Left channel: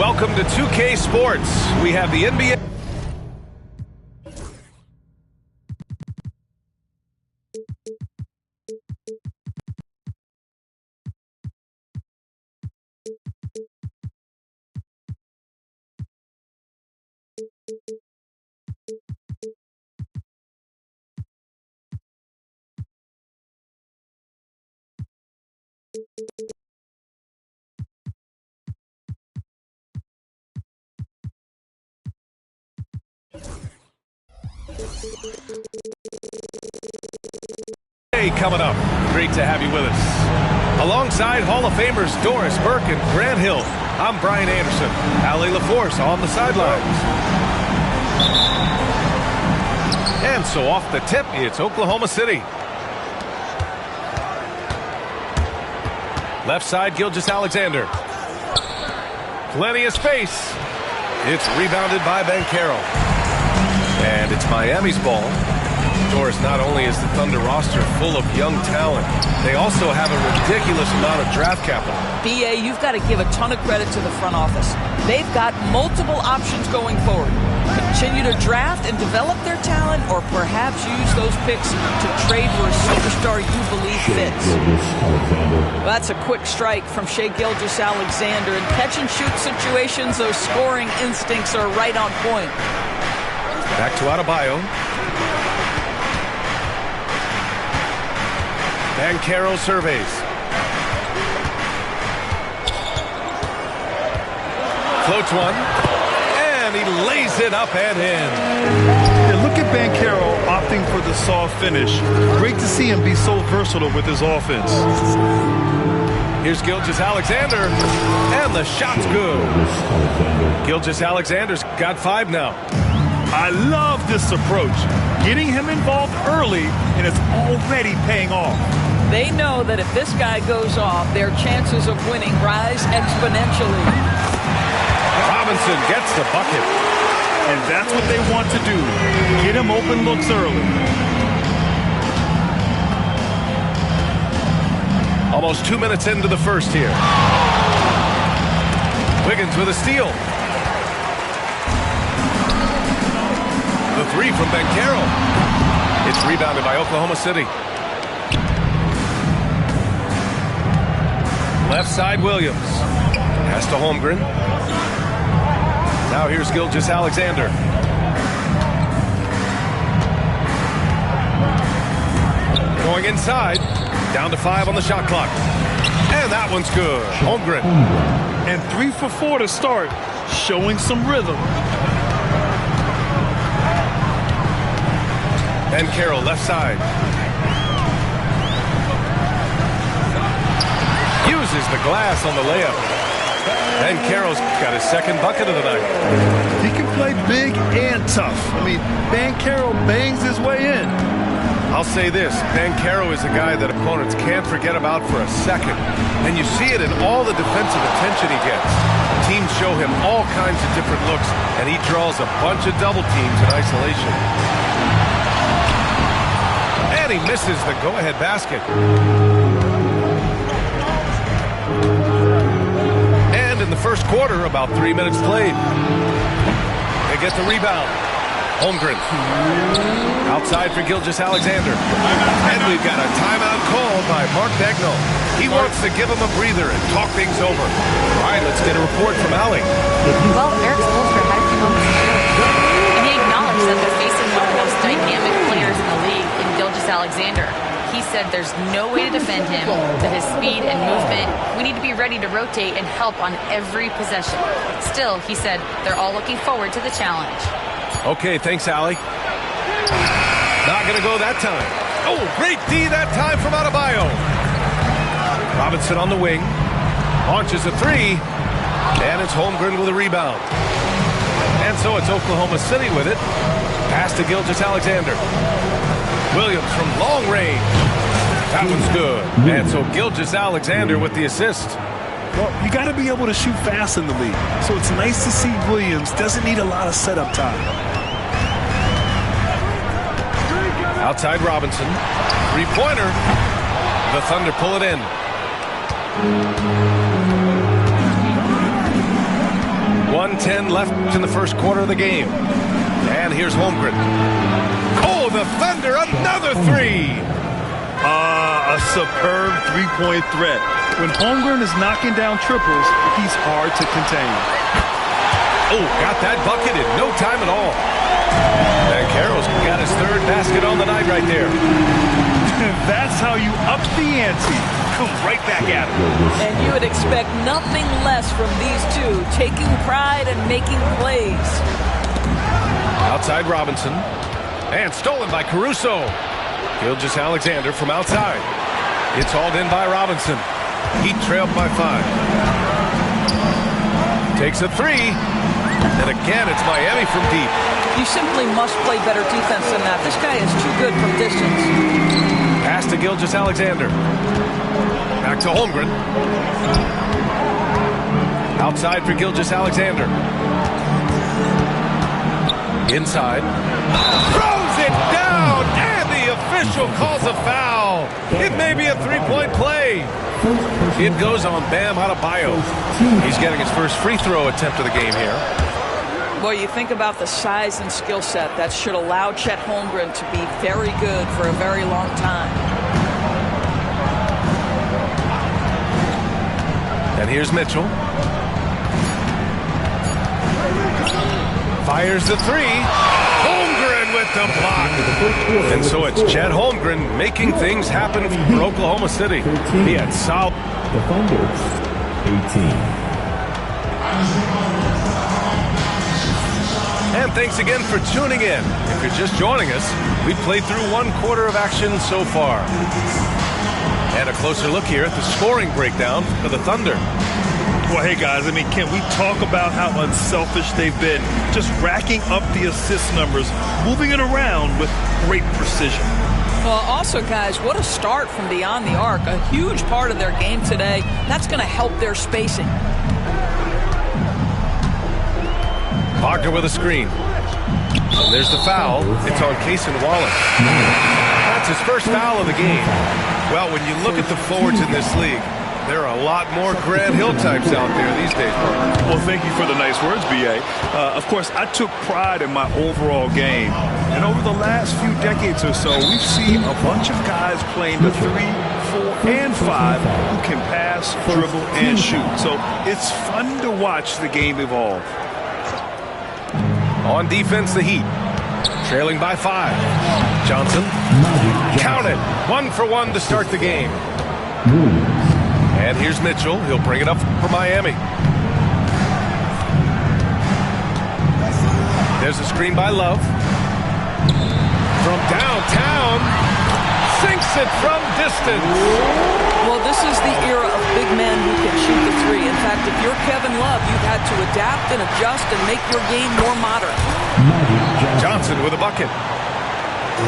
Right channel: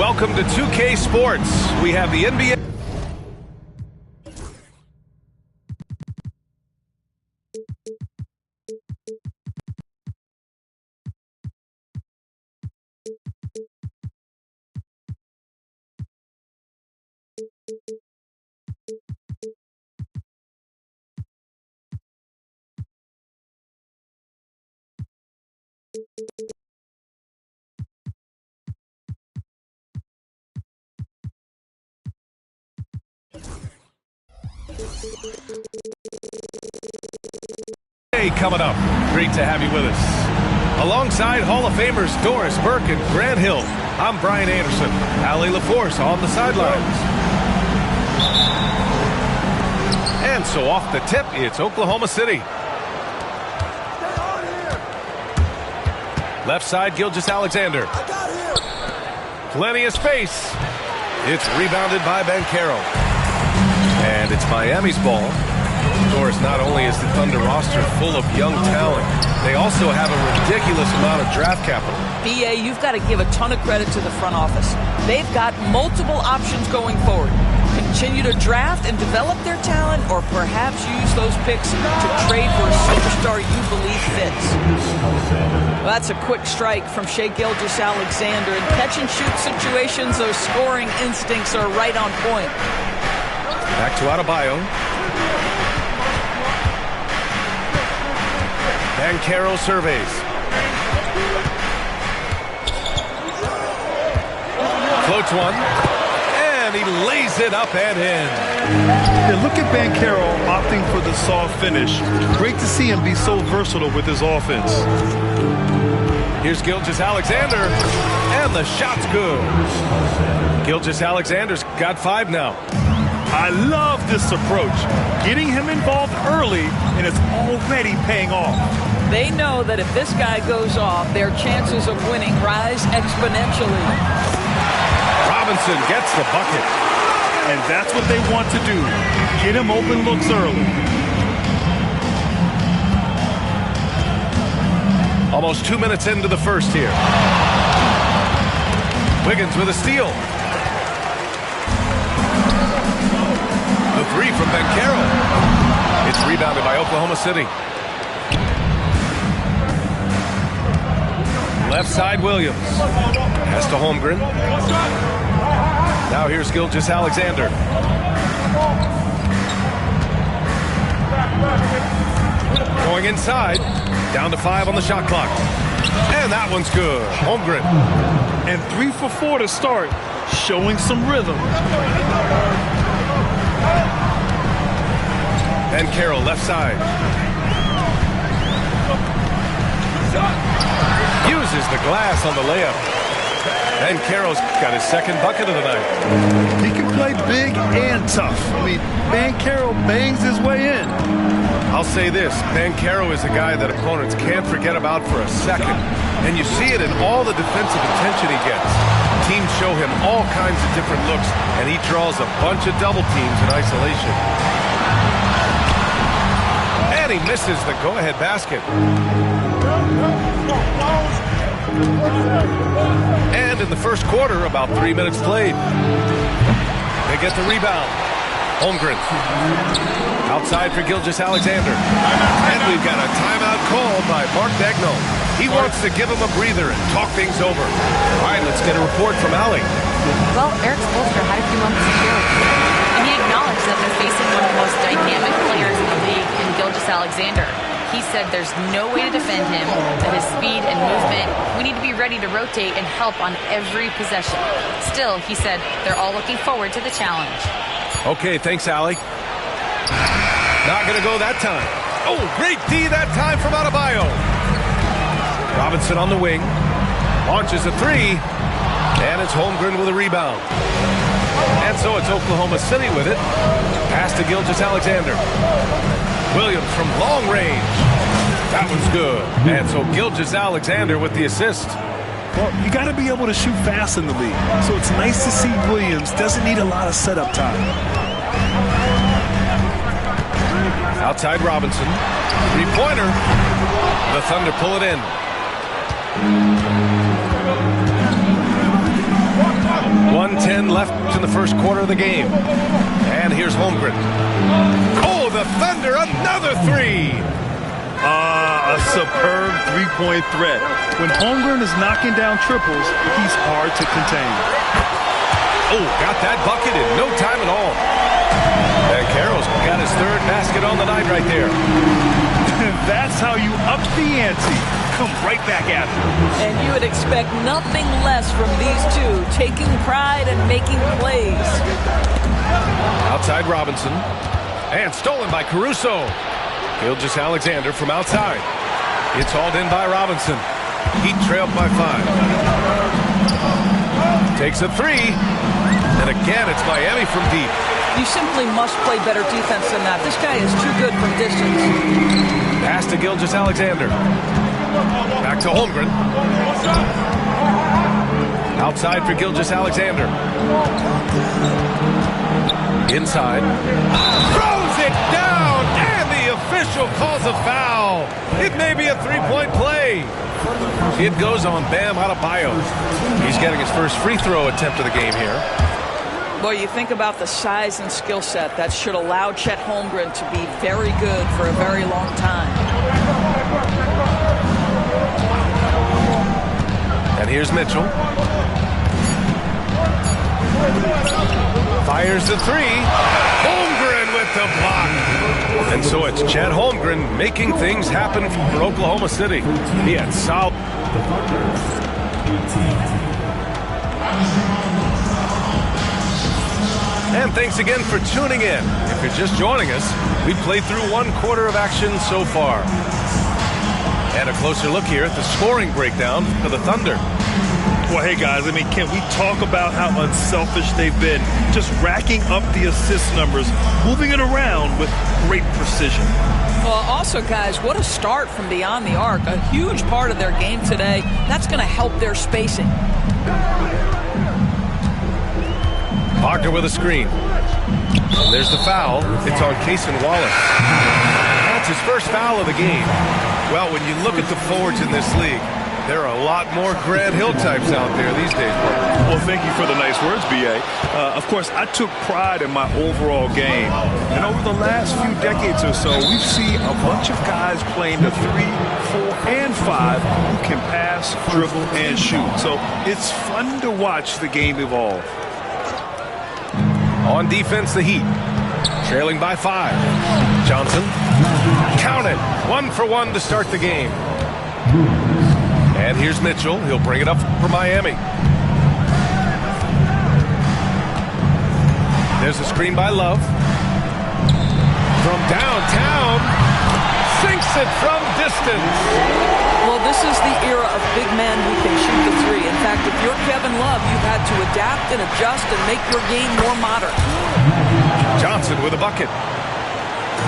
Welcome to 2K Sports. We have the NBA. Hey, coming up. Great to have you with us. Alongside Hall of Famers Doris Burke and Grant Hill, I'm Brian Anderson. Allie LaForce on the sidelines. And so off the tip, it's Oklahoma City. Left side, Gilgeous-Alexander. Plenty of space. It's rebounded by Banchero. And it's Miami's ball. Doris, not only is the Thunder roster full of young talent, they also have a ridiculous amount of draft capital. BA, you've got to give a ton of credit to the front office. They've got multiple options going forward. Continue to draft and develop their talent, or perhaps use those picks to trade for a superstar you believe fits. Well, that's a quick strike from Shai Gilgeous-Alexander. In catch-and-shoot situations, those scoring instincts are right on point. Back to Adebayo. Banchero surveys. Floats one. And he lays it up and in. Yeah, look at Banchero opting for the soft finish. Great to see him be so versatile with his offense. Here's Gilgeous-Alexander. And the shot's good. Gilgeous-Alexander's got 5 now. I love this approach. Getting him involved early, and it's already paying off. They know that if this guy goes off, their chances of winning rise exponentially. Robinson gets the bucket. And that's what they want to do. Get him open looks early. Almost 2 minutes into the first here. Wiggins with a steal. The 3 from Banchero. It's rebounded by Oklahoma City. Left side, Williams. Pass to Holmgren. Now here's Gilgeous-Alexander. Going inside. Down to 5 on the shot clock. And that one's good. Holmgren. And 3 for 4 to start. Showing some rhythm. Banchero left side. Uses the glass on the layup. Banchero's got his second bucket of the night. He can play big and tough. I mean, Banchero bangs his way in. I'll say this, Banchero is a guy that opponents can't forget about for a second. And you see it in all the defensive attention he gets. Teams show him all kinds of different looks, and he draws a bunch of double teams in isolation. And he misses the go-ahead basket. And in the first quarter, about 3 minutes played. They get the rebound. Holmgren. Outside for Gilgeous-Alexander. And we've got a timeout called by Mark Daigneault. He wants to give him a breather and talk things over. All right, let's get a report from Allie. Well, Eric Spoelstra had a few moments to share with me. And he acknowledged that they're facing one of the most dynamic players in the league in Gilgeous-Alexander. He said there's no way to defend him, that his speed and movement, we need to be ready to rotate and help on every possession. Still, he said they're all looking forward to the challenge. Okay, thanks, Allie. Not going to go that time. Oh, great D that time from Adebayo. Robinson on the wing. Launches a 3. And it's Holmgren with a rebound. And so it's Oklahoma City with it. Pass to Gilgeous-Alexander. Williams from long range. That one's good. And so Gilgeous-Alexander with the assist. Well, you got to be able to shoot fast in the league. So it's nice to see Williams doesn't need a lot of setup time. Outside Robinson. 3-pointer. The Thunder pull it in. 1:10 left in the first quarter of the game. And here's Holmgren. Oh, the Thunder, another three. A superb three-point threat. When Holmgren is knocking down triples, he's hard to contain. Oh, got that bucket in no time at all. Banchero's got his third basket on the night right there. That's how you up the ante. Come right back at him. And you would expect nothing less from these two, taking pride and making plays. Outside Robinson. And stolen by Caruso. Gilgeous-Alexander from outside. It's hauled in by Robinson. He trailed by 5. Takes a three. And again, it's Miami from deep. You simply must play better defense than that. This guy is too good from distance. Pass to Gilgeous-Alexander. Back to Holmgren. Outside for Gilgeous-Alexander. Inside. Throws it down, and the official calls a foul. It may be a three-point play. It goes on Bam Adebayo. He's getting his first free throw attempt of the game here. Well, you think about the size and skill set. That should allow Chet Holmgren to be very good for a very long time. And here's Mitchell. Fires the three. Holmgren with the block. And so it's Chet Holmgren making things happen for Oklahoma City. He had solid. The Thunder, 18. And thanks again for tuning in. If you're just joining us, we played through one quarter of action so far. And a closer look here at the scoring breakdown for the Thunder. Well, hey, guys, I mean, can we talk about how unselfish they've been? Just racking up the assist numbers, moving it around with great precision. Well, also, guys, what a start from beyond the arc. A huge part of their game today. That's going to help their spacing. Wagner with a screen. And there's the foul. It's on Cason Wallace. That's his first foul of the game. Well, when you look at the forwards in this league, there are a lot more Grant Hill types out there these days, Parker. Well, thank you for the nice words, B.A. Of course, I took pride in my overall game. And over the last few decades or so, we've seen a bunch of guys playing the 3, 4, and 5 who can pass, dribble, and shoot. So it's fun to watch the game evolve. On defense, the Heat. Trailing by 5. Johnson. Count it. 1 for 1 to start the game. And here's Mitchell. He'll bring it up for Miami. There's a screen by Love. From downtown. Sinks it from distance. Well, this is the era of big men who can shoot the three. In fact, if you're Kevin Love, you've had to adapt and adjust and make your game more modern. Johnson with a bucket.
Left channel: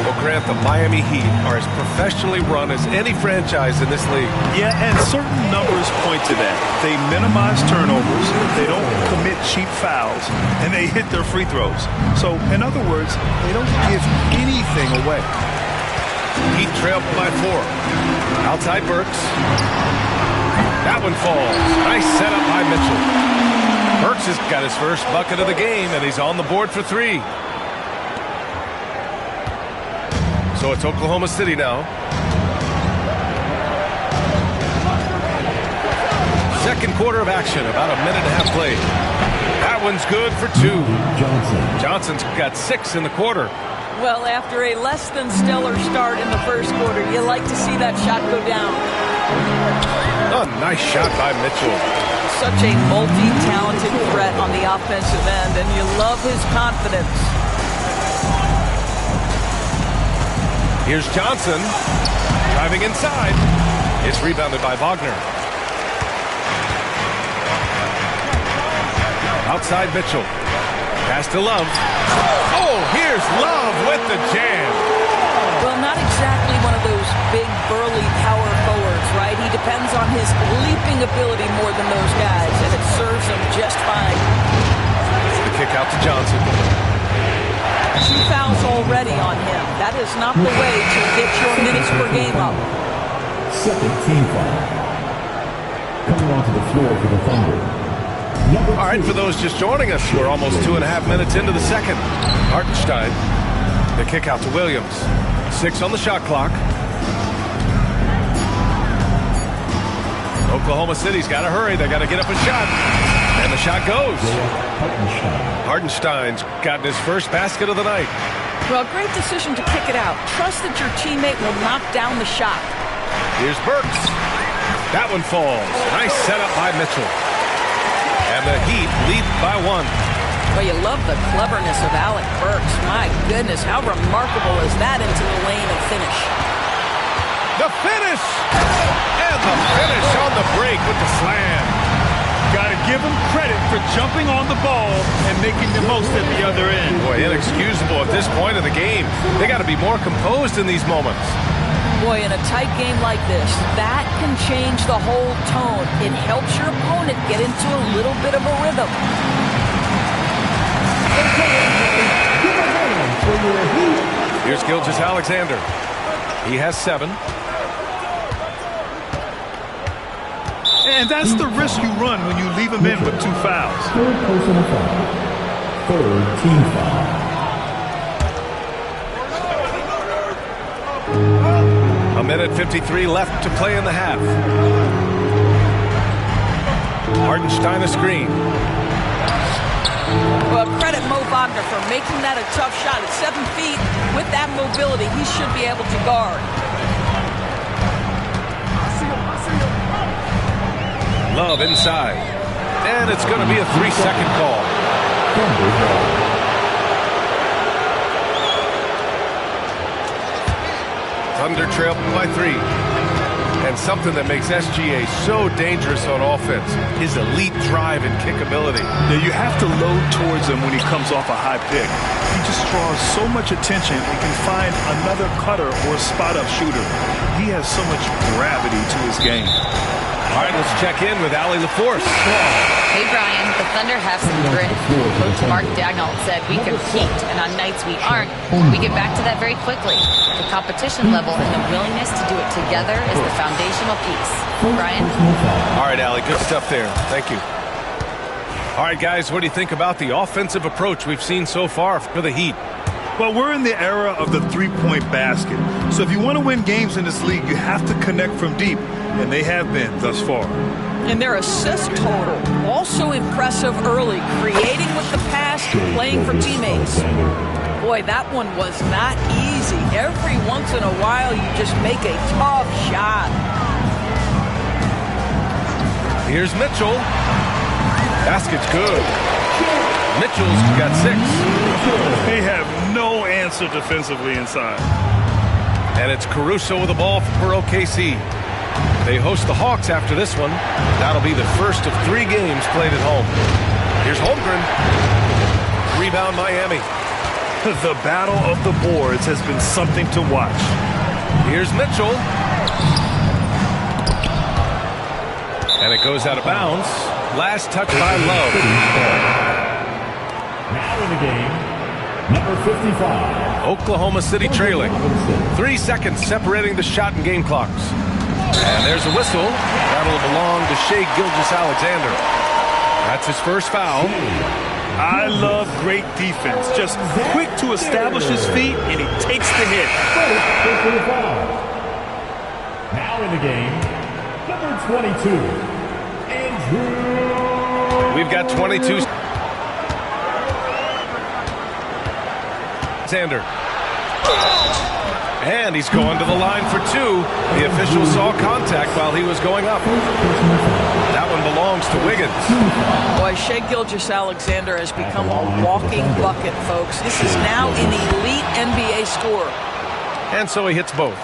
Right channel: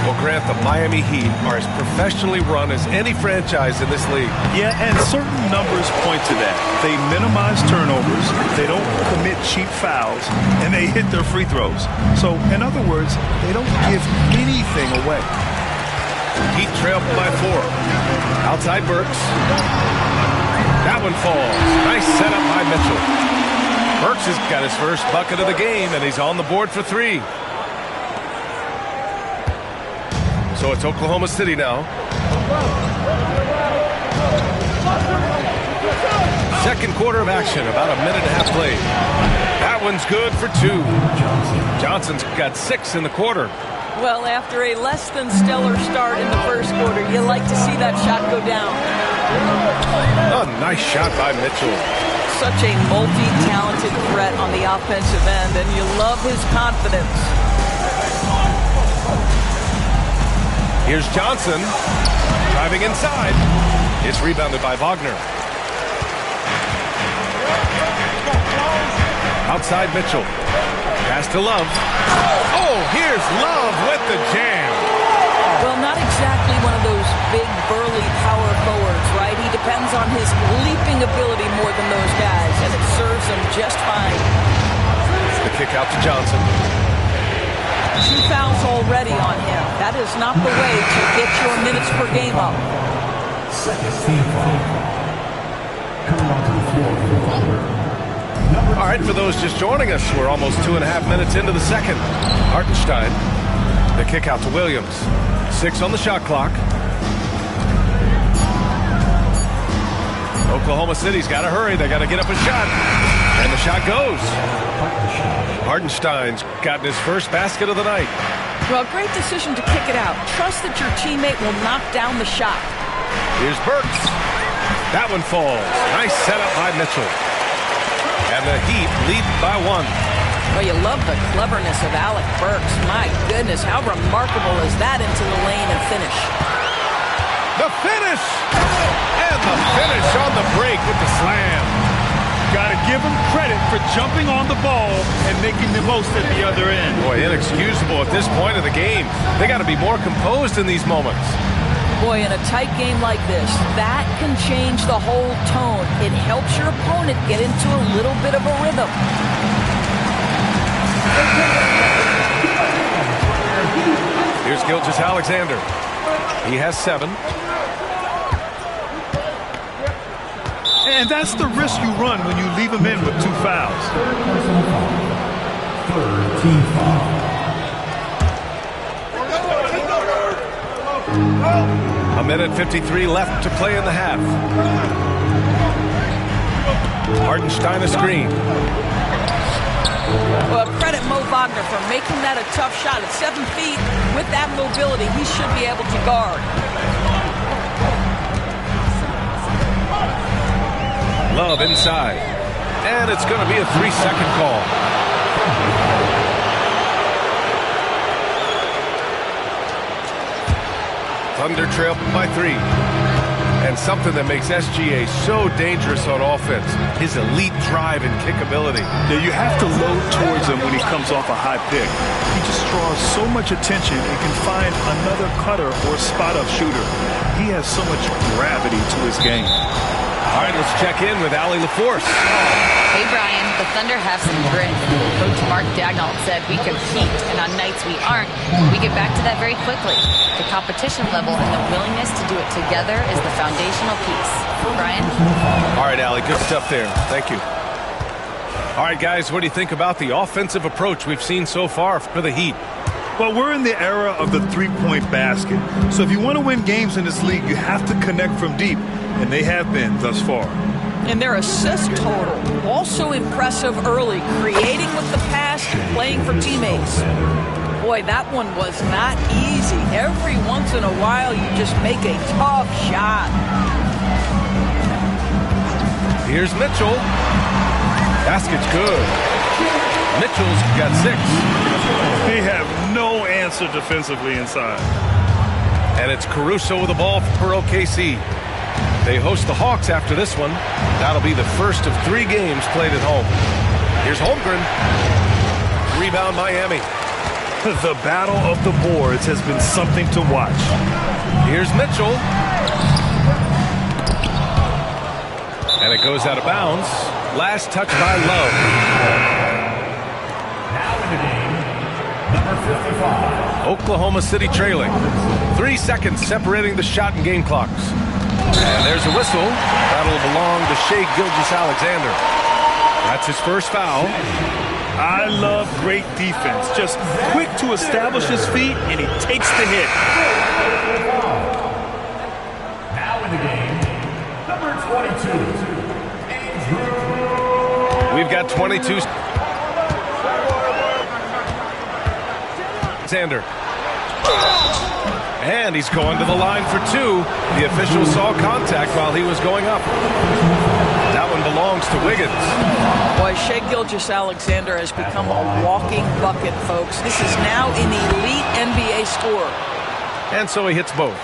Well, Grant, the Miami Heat are as professionally run as any franchise in this league. Yeah, and certain numbers point to that. They minimize turnovers, they don't commit cheap fouls, and they hit their free throws. So, in other words, they don't give anything away. Heat trailed by 4. Outside Burks. That one falls. Nice setup by Mitchell. Burks has got his first bucket of the game, and he's on the board for 3. So it's Oklahoma City now. Second quarter of action, about a minute and a half played. That one's good for 2. Johnson's got 6 in the quarter. Well, after a less than stellar start in the first quarter, you like to see that shot go down. A nice shot by Mitchell. Such a multi-talented threat on the offensive end, and you love his confidence. Here's Johnson driving inside. It's rebounded by Wagner. Outside Mitchell. Pass to Love. Oh, here's Love with the jam. Well, not exactly one of those big, burly power forwards, right? He depends on his leaping ability more than those guys, and it serves him just fine. The kick out to Johnson. 2 fouls already on him. That is not the way to get your minutes per game up. Second team foul. Coming onto the floor for the Thunder, All right, for those just joining us, we're almost 2.5 minutes into the second. Hartenstein, the kick out to Williams. 6 on the shot clock. Oklahoma City's got to hurry. They got to get up a shot. And the shot goes. Hartenstein's gotten his first basket of the night. Well, great decision to kick it out. Trust that your teammate will knock down the shot. Here's Burks. That one falls. Nice setup by Mitchell. And the Heat lead by 1. Well, you love the cleverness of Alec Burks. My goodness, how remarkable is that into the lane and finish? The finish! And the finish on the break with the slam. Got to give him credit for jumping on the ball and making the most at the other end. Boy, inexcusable at this point of the game. They got to be more composed in these moments. Boy, in a tight game like this, that can change the whole tone. It helps your opponent get into a little bit of a rhythm. Here's Gilgeous-Alexander. He has 7. And that's the risk you run when you leave him in with 2 fouls. Third personal foul. Third team foul. A minute 53 left to play in the half. Hartenstein a screen. Well, credit Mo Wagner for making that a tough shot. At 7 feet, with that mobility, he should be able to guard. Love inside. And it's going to be a 3-second call. Thunder trail by 3. And something that makes SGA so dangerous on offense, his elite drive and kickability. Yeah, you have to load towards him when he comes off a high pick. He just draws so much attention and can find another cutter or spot-up shooter. He has so much gravity to his game. All right, let's check in with Allie LaForce. Hey, Brian, the Thunder have some grit. Coach Mark Daigneault said we compete, and on nights we aren't, we get back to that very quickly. The competition level and the willingness to do it together is the foundational piece. Brian? All right, Allie, good stuff there. Thank you. All right, guys, what do you think about the offensive approach we've seen so far for the Heat? Well, we're in the era of the three-point basket. So if you want to win games in this league, you have to connect from deep, and they have been thus far. And their assist total, also impressive early, creating with the pass, playing for teammates. Boy, that one was not easy. Every once in a while, you just make a tough shot. Here's Mitchell. Basket's good. Mitchell's got 6. They have no answer defensively inside. And it's Caruso with the ball for OKC. They host the Hawks after this one. That'll be the first of 3 games played at home. Here's Holmgren. Rebound Miami. The battle of the boards has been something to watch. Here's Mitchell. And it goes out of bounds. Last touch by Love. Now in the game, number 55. Oklahoma City trailing. 3 seconds separating the shot and game clocks. And there's a whistle. That'll belong to Shai Gilgeous-Alexander. That's his first foul. I love great defense. Just quick to establish his feet, and he takes the hit. Now in the game, number 22, Andrew. We've got 22. Alexander. And he's going to the line for 2. The official saw contact while he was going up. That one belongs to Wiggins. Boy, Shai Gilgeous-Alexander has become a walking bucket, folks. This is now an elite NBA scorer. And so he hits both.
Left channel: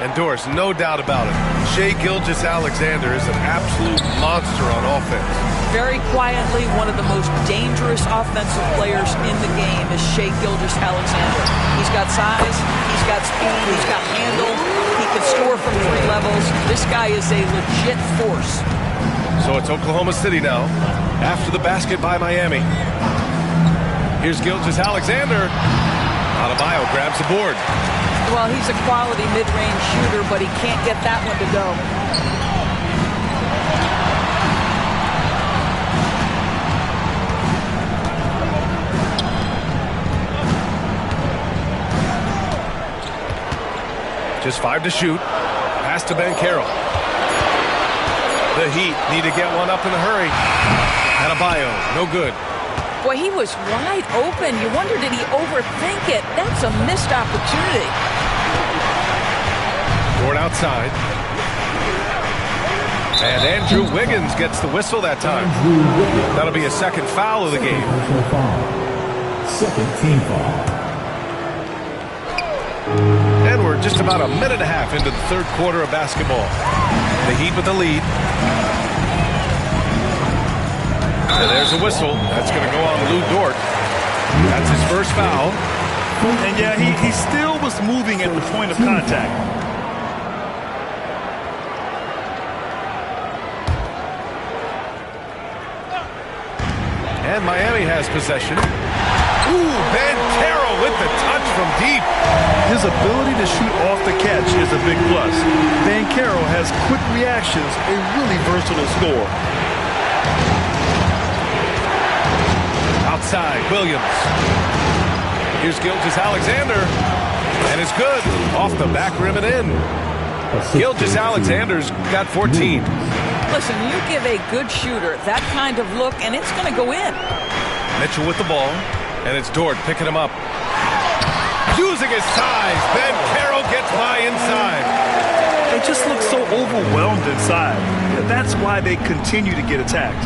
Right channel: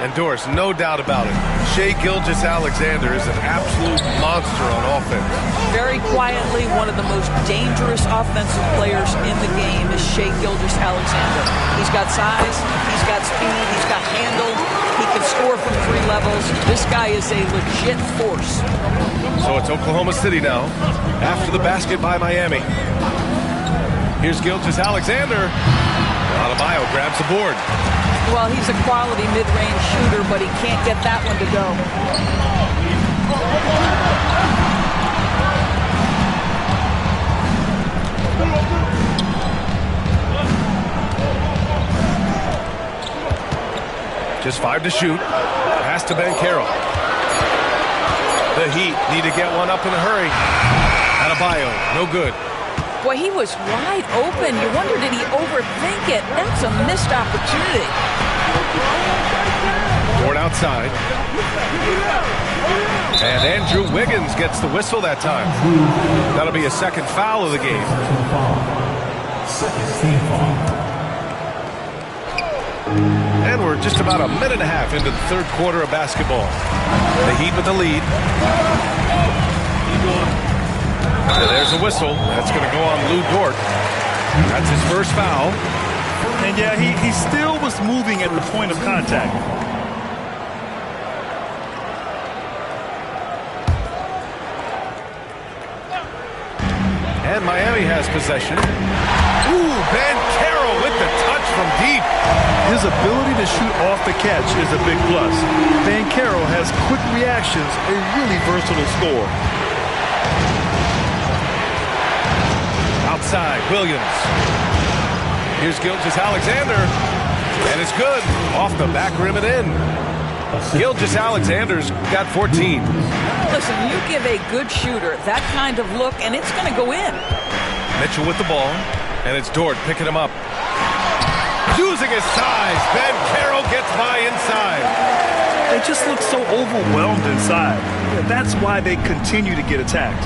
And Doris, no doubt about it, Shai Gilgeous-Alexander is an absolute monster on offense. Very quietly, one of the most dangerous offensive players in the game is Shai Gilgeous-Alexander. He's got size, he's got speed, he's got handle, he can score from 3 levels. This guy is a legit force. So it's Oklahoma City now, after the basket by Miami. Here's Gilgeous-Alexander. Adebayo grabs the board. Well, he's a quality mid-range shooter, but he can't get that one to go. Just 5 to shoot. Pass to Banchero. The Heat need to get one up in a hurry. Adebayo, no good. Boy, he was wide open. You wonder, did he overthink it? That's a missed opportunity. Dort outside. And Andrew Wiggins gets the whistle that time. That'll be a second foul of the game. Second team foul. And we're just about a minute and a half into the third quarter of basketball. The Heat with the lead. And there's a whistle. That's going to go on Lou Dort. That's his first foul. And yeah, he still was moving at the point of contact. And Miami has possession. Ooh, Banchero with the touch from deep. His ability to shoot off the catch is a big plus. Banchero has quick reactions, a really versatile scorer. Outside, Williams. Here's Gilgeous-Alexander. And it's good. Off the back rim and in. Gilgeous-Alexander's got 14. Listen, you give a good shooter that kind of look, and it's going to go in. Mitchell with the ball. And it's Dort picking him up. Using his size. Banchero gets by inside. They just look so overwhelmed inside. That's why they continue to get attacked.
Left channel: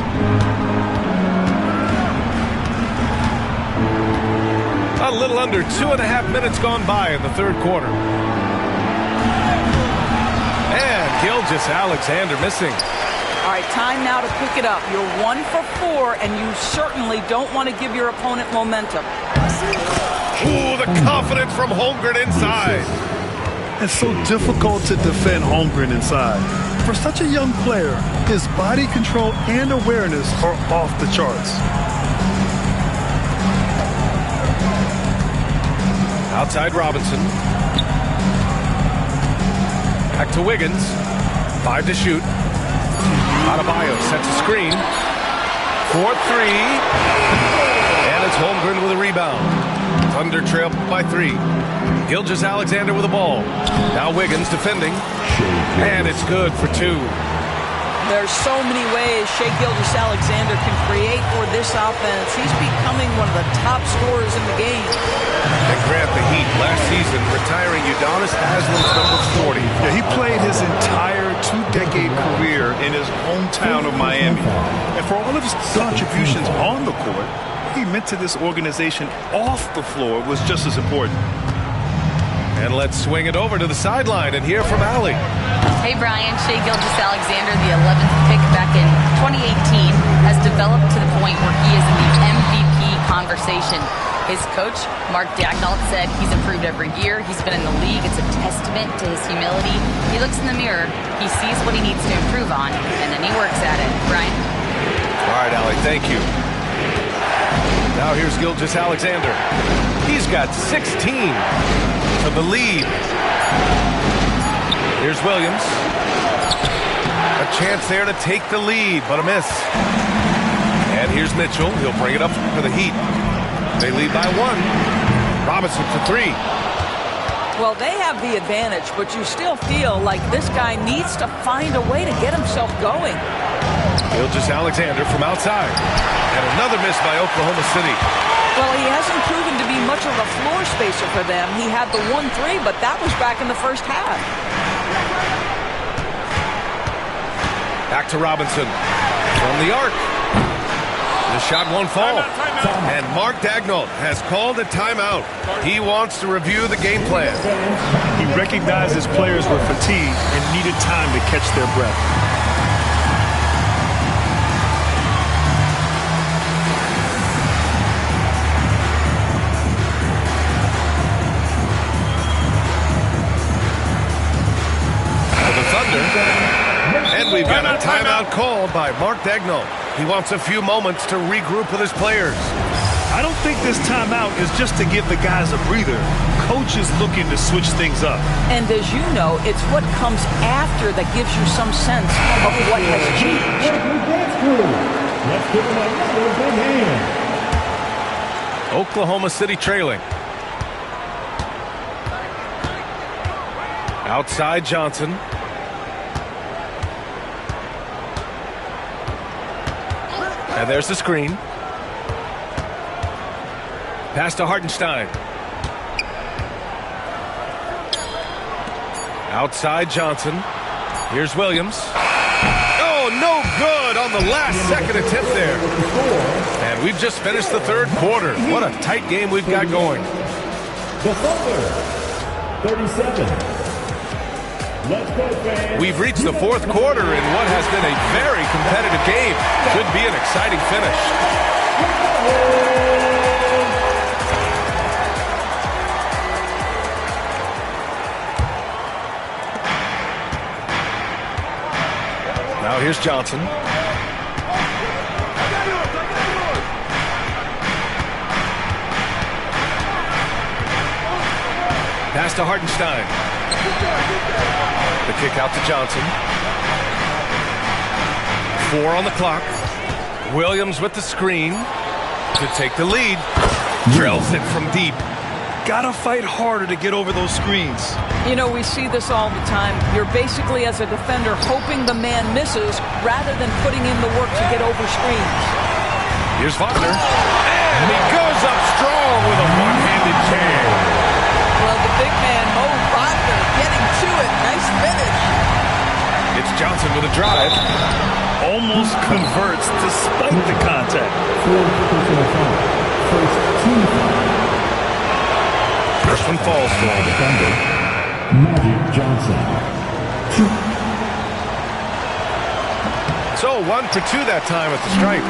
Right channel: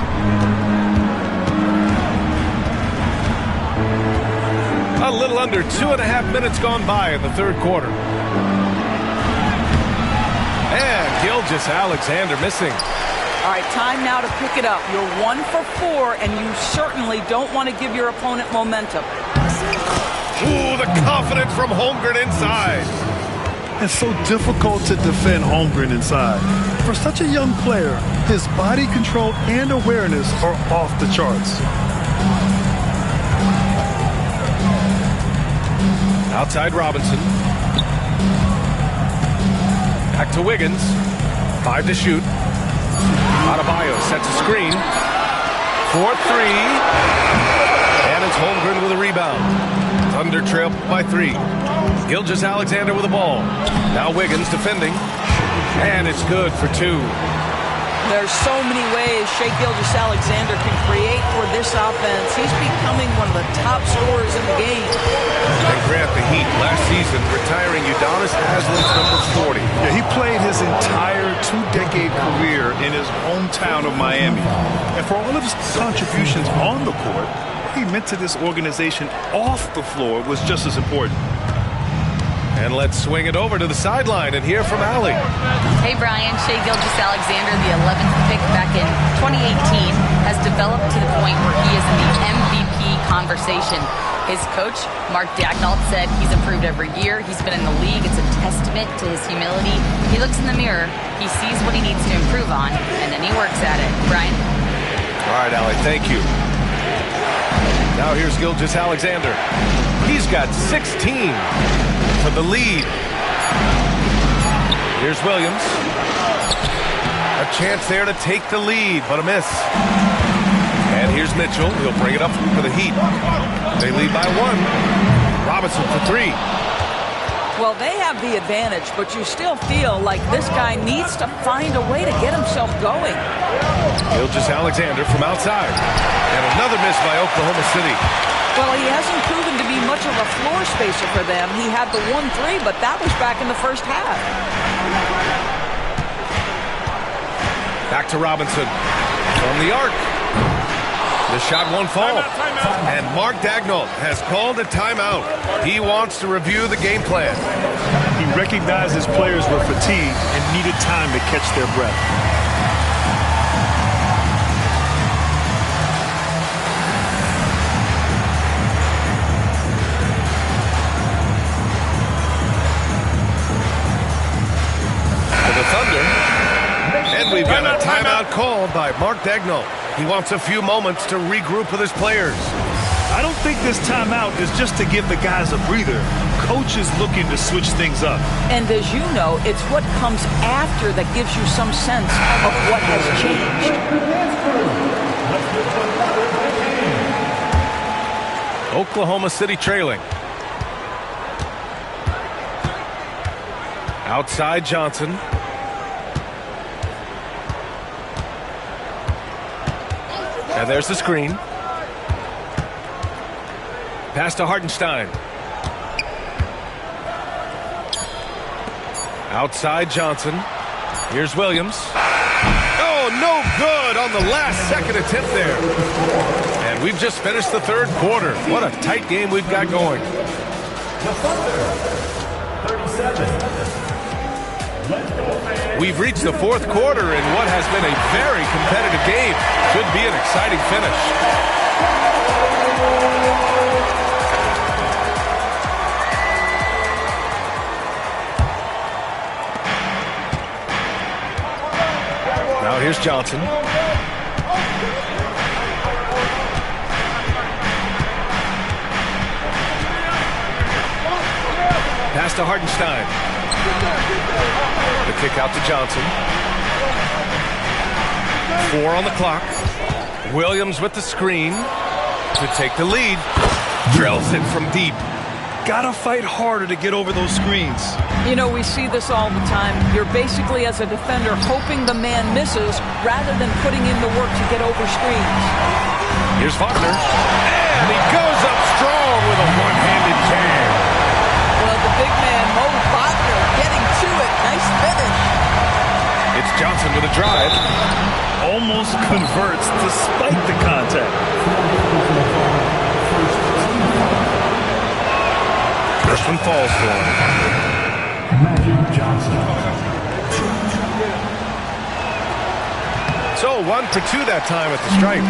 A little under 2.5 minutes gone by in the third quarter. And Gilgeous-Alexander missing. All right, time now to pick it up. You're 1 for 4, and you certainly don't want to give your opponent momentum. Ooh, the confidence from Holmgren inside. It's so difficult to defend Holmgren inside. For such a young player, his body control and awareness are off the charts. Outside Robinson. Back to Wiggins. 5 to shoot. Adebayo sets a screen. 4-3. And it's Holmgren with a rebound. Thunder trail by 3. Gilgeous-Alexander with the ball. Now Wiggins defending. And it's good for 2. There's so many ways Shai Gilgeous-Alexander can create for this offense. He's becoming one of the top scorers in the game. And Grant, the Heat last season retiring Udonis Haslem's number 40. Yeah, he played his entire 2-decade career in his hometown of Miami. And for all of his contributions on the court, what he meant to this organization off the floor was just as important. And let's swing it over to the sideline and hear from Allie. Hey, Brian. Shai Gilgeous-Alexander, the 11th pick back in 2018, has developed to the point where he is in the MVP conversation. His coach, Mark Daigneault, said he's improved every year. He's been in the league. It's a testament to his humility. He looks in the mirror, he sees what he needs to improve on, and then he works at it. Brian? All right, Allie, thank you. Now here's Gilgeous-Alexander. He's got 16 for the lead. Here's Williams. A chance there to take the lead, but a miss. And here's Mitchell. He'll bring it up for the Heat. They lead by 1. Robinson for 3. Well, they have the advantage, but you still feel like this guy needs to find a way to get himself going. Gilgeous-Alexander from outside. And another miss by Oklahoma City. Well, he hasn't proven to be much of a floor spacer for them. He had the 1-3, but that was back in the first half. Back to Robinson from the arc. The shot won't fall. Timeout. And Mark Daigneault has called a timeout. He wants to review the game plan. He recognized his players were fatigued and needed time to catch their breath. For the Thunder. And we've got a timeout called by Mark Daigneault. He wants a few moments to regroup with his players. I don't think this timeout is just to give the guys a breather. Coach is looking to switch things up. And as you know, it's what comes after that gives you some sense of what has changed. Let's give them another big hand. Oklahoma City trailing. Outside Johnson. And there's the screen. Pass to Hartenstein. Outside Johnson. Here's Williams. Oh, no good on the last second attempt there. And we've just finished the third quarter. What a tight game we've got going. The Thunder, 37. Let's go, fans. We've reached the fourth quarter in what has been a very competitive game. Should be an exciting finish. Now here's Johnson. Pass to Hartenstein. The kick out to Johnson. 4 on the clock. Williams with the screen to take the lead. Drills it from deep. Gotta fight harder to get over those screens. You know, we see this all the time. You're basically, as a defender, hoping the man misses rather than putting in the work to get over screens. Here's Wagner. And he goes up strong with a one-handed jam. Well, the big man, Mo Wagner, getting to it. Nice finish. It's Johnson with a drive. Almost converts despite the contact. First one falls for him. Magic Johnson. So 1 for 2 that time at the stripe.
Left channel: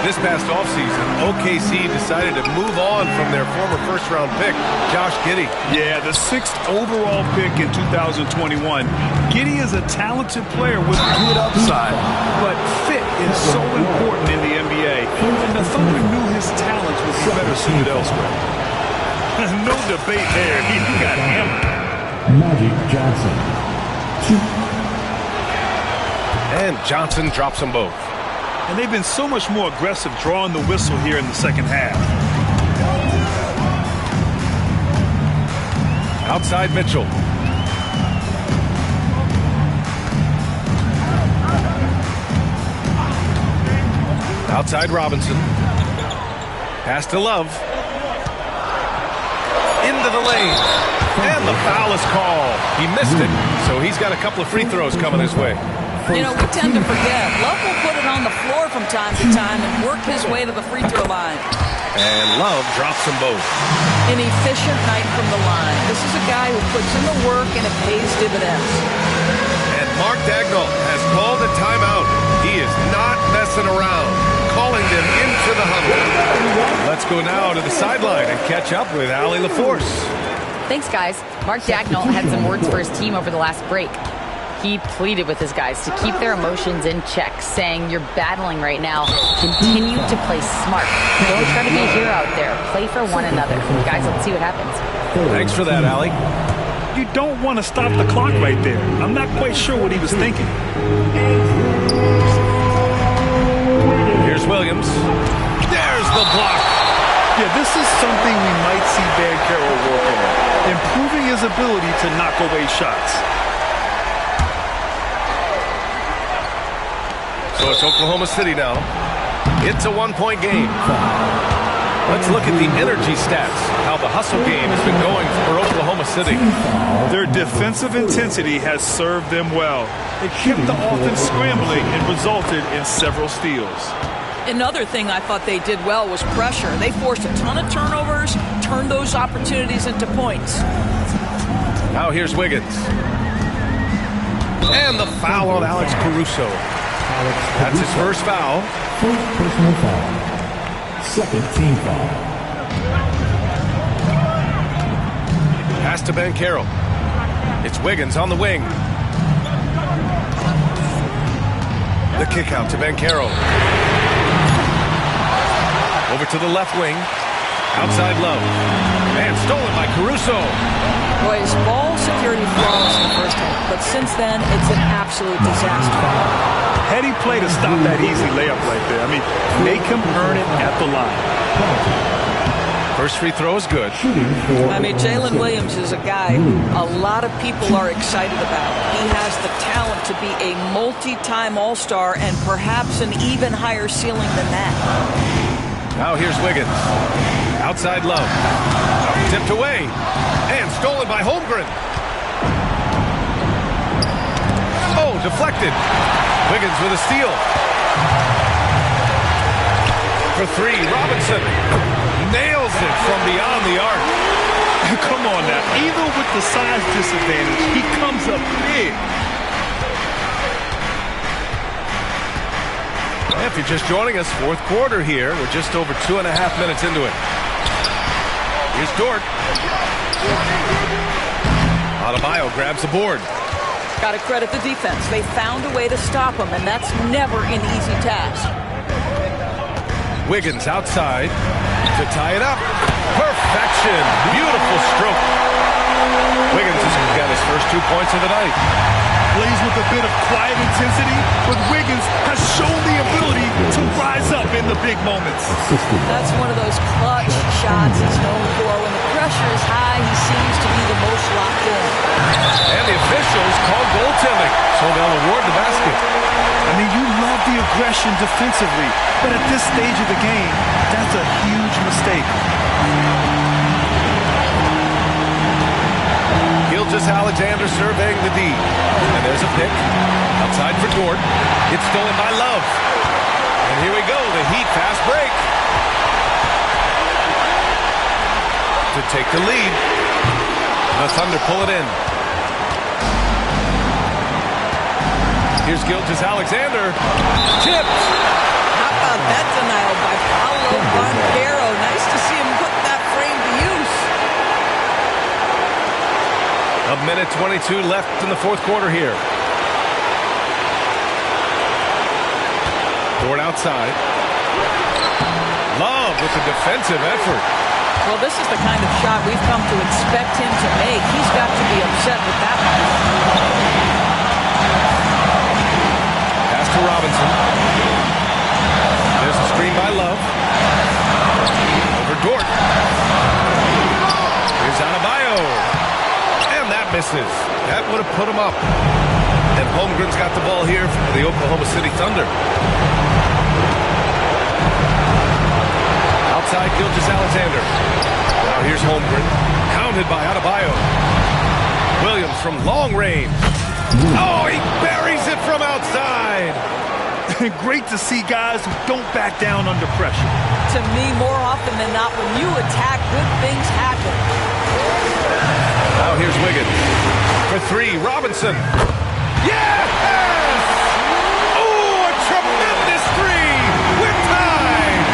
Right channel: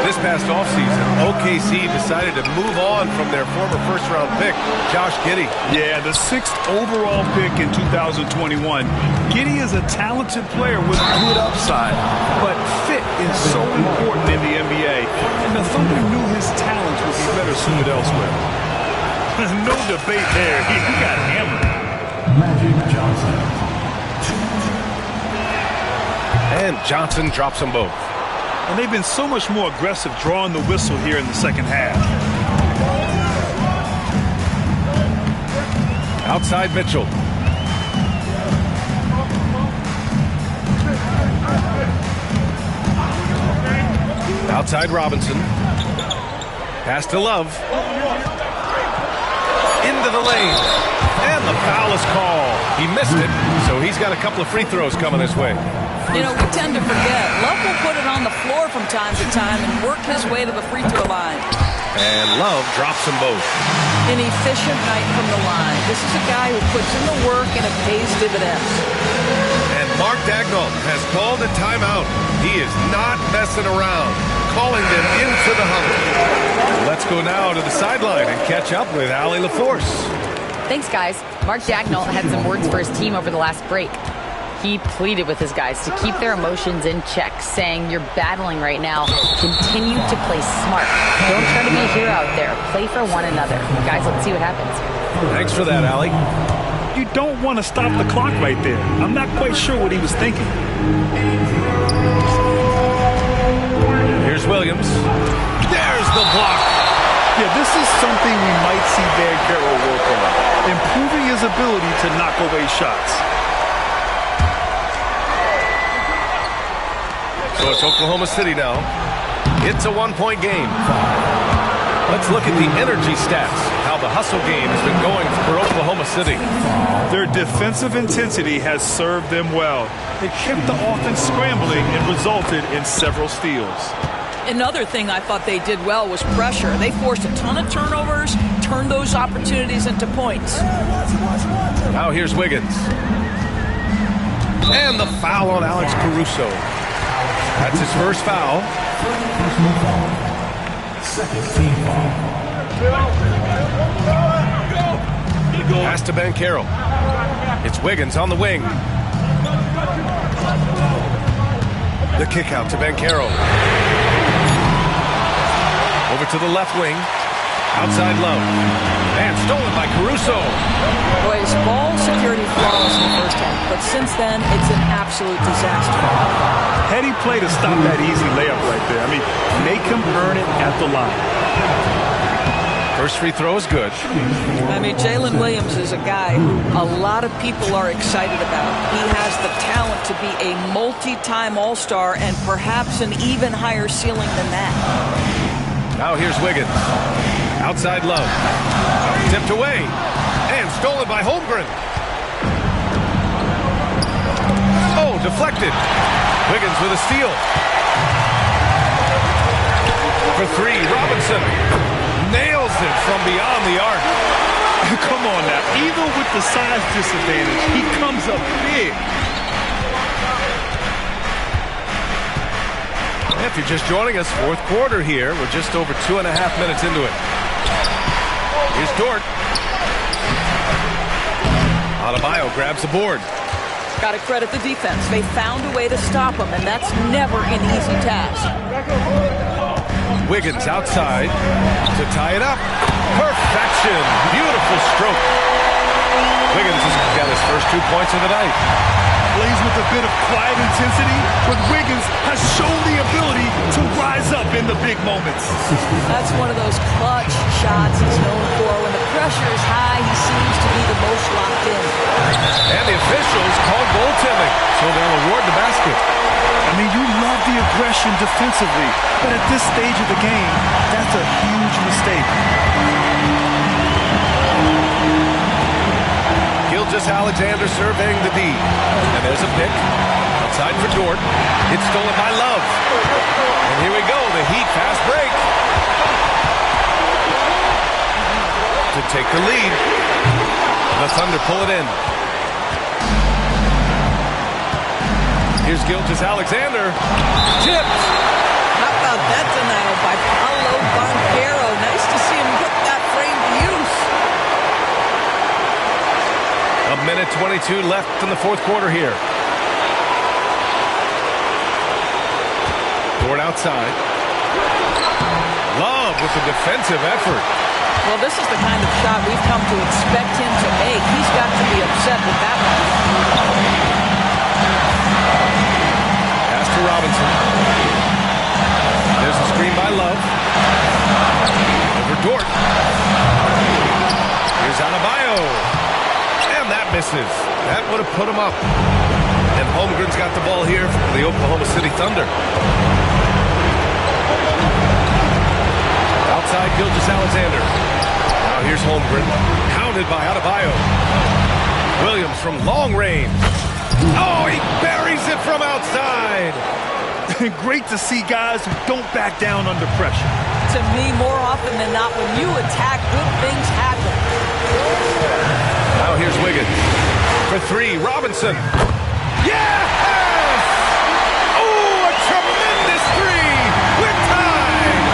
This past offseason, OKC decided to move on from their former first-round pick, Josh Giddey. Yeah, the 6th overall pick in 2021. Giddey is a talented player with good upside, but fit is so important in the NBA, and the Thunder knew his talents would be better suited elsewhere. No debate there. He got hammered. Magic Johnson. 2. And Johnson drops them both. And they've been so much more aggressive drawing the whistle here in the second half. Outside Mitchell. Outside Robinson. Pass to Love. Into the lane. And the foul is called. He missed it, so he's got a couple of free throws coming his way. You know, we tend to forget. Love will put it on the floor from time to time and work his way to the free throw line. And Love drops them both. An efficient night from the line. This is a guy who puts in the work and it pays dividends. And Mark Daigneault has called a timeout. He is not messing around, calling them into the huddle. Let's go now to the sideline and catch up with Allie LaForce. Thanks, guys. Mark Daigneault had some words for his team over the last break. He pleaded with his guys to keep their emotions in check, saying, "You're battling right now. Continue to play smart. Don't try to be a hero out there. Play for one another." Guys, let's see what happens. Thanks for that, Allie. You don't want to stop the clock right there. I'm not quite sure what he was thinking. Here's Williams. There's the block. Yeah, this is something we might see Banchero work on, improving his ability to knock away shots. So it's Oklahoma City now. It's a one-point game. Let's look at the energy stats, how the hustle game has been going for Oklahoma City. Their defensive intensity has served them well. It kept the offense scrambling and resulted in several steals. Another thing I thought they did well was pressure. They forced a ton of turnovers, turned those opportunities into points. Now here's Wiggins. And the foul on Alex Caruso. That's his first foul. First personal foul. Second team foul. Pass to Banchero. It's Wiggins on the wing. The kick out to Banchero. Over to the left wing. Outside Love. And stolen by Caruso. Boy, his ball security flawless in the first half, but since then, it's an absolute disaster. Heady play to stop that easy layup right there. I mean, make him earn it at the line. First free throw is good. I mean, Jalen Williams is a guy who a lot of people are excited about. He has the talent to be a multi-time All-Star and perhaps an even higher ceiling than that. Now here's Wiggins. Outside Love. Tipped away. And stolen by Holmgren. Oh, deflected. Wiggins with a steal. For three, Robinson nails it from beyond the arc. Come on now. Even with the size disadvantage, he comes up big. If you're just joining us, fourth quarter here. We're just over 2.5 minutes into it. Here's Dort. Adebayo grabs the board. Got to credit the defense. They found a way to stop him, and that's never an easy task. Wiggins outside to tie it up. Perfection. Beautiful stroke. Wiggins has got his first 2 points of the night. Plays with a bit of quiet intensity, but Wiggins has shown the ability to rise up in the big moments. That's one of those clutch shots he's known for. When the pressure is high, he seems to be the most locked in. And the officials called goaltending, so they'll award the basket. I mean, you love the aggression defensively, but at this stage of the game, that's a huge mistake. Gilgeous-Alexander surveying the D. And there's a pick. Outside for Dort. It's stolen by Love. And here we go, the Heat fast break. To take the lead. The Thunder pull it in. Here's Gilgeous-Alexander. Tipped. How about that denial by Paolo Banchero? Nice to see him put that frame to use. A minute 22 left in the fourth quarter here. Dort outside. Love with the defensive effort. Well, this is the kind of shot we've come to expect him to make. He's got to be upset with that one. Pass to Robinson. There's a screen by Love. Over Dort. Here's Adebayo. And that misses. That would have put him up. And Holmgren's got the ball here for the Oklahoma City Thunder. Outside Gilgeous-Alexander. Now here's Holmgren. Hounded by Adebayo. Williams from long range. Oh, he buries it from outside. Great to see guys who don't back down under pressure. To me, more often than not, when you attack, good things happen. Now here's Wiggins. For three, Robinson. Yes! Oh, a tremendous three! We're tied!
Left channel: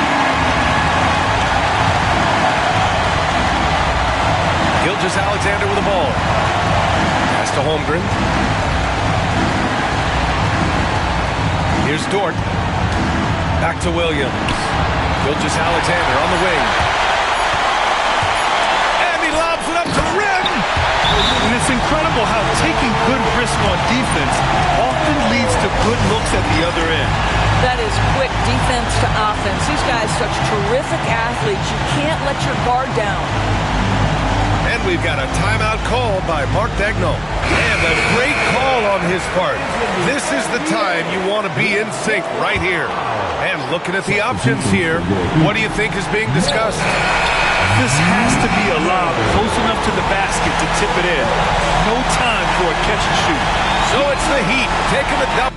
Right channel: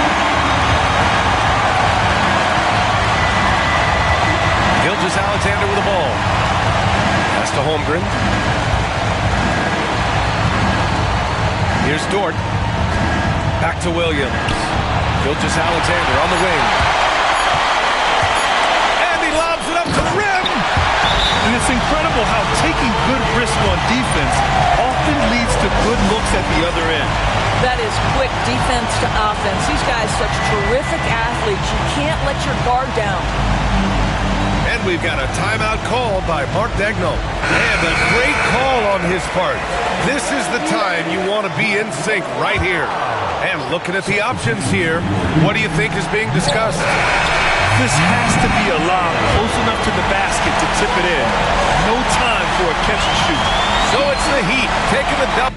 Gilgeous-Alexander with the ball. Pass to Holmgren. Here's Dort. Back to Williams. Gilgeous-Alexander on the wing. And he lobs it up to the rim! And it's incredible how taking good risk on defense often leads to good looks at the other end. That is quick defense to offense. These guys such terrific athletes. You can't let your guard down. And we've got a timeout called by Mark Daigneault. And a great call on his part. This is the time you want to be in sync right here. And looking at the options here, what do you think is being discussed? This has to be a lob close enough to the basket to tip it in. No time for a catch and shoot. So it's the Heat taking the double.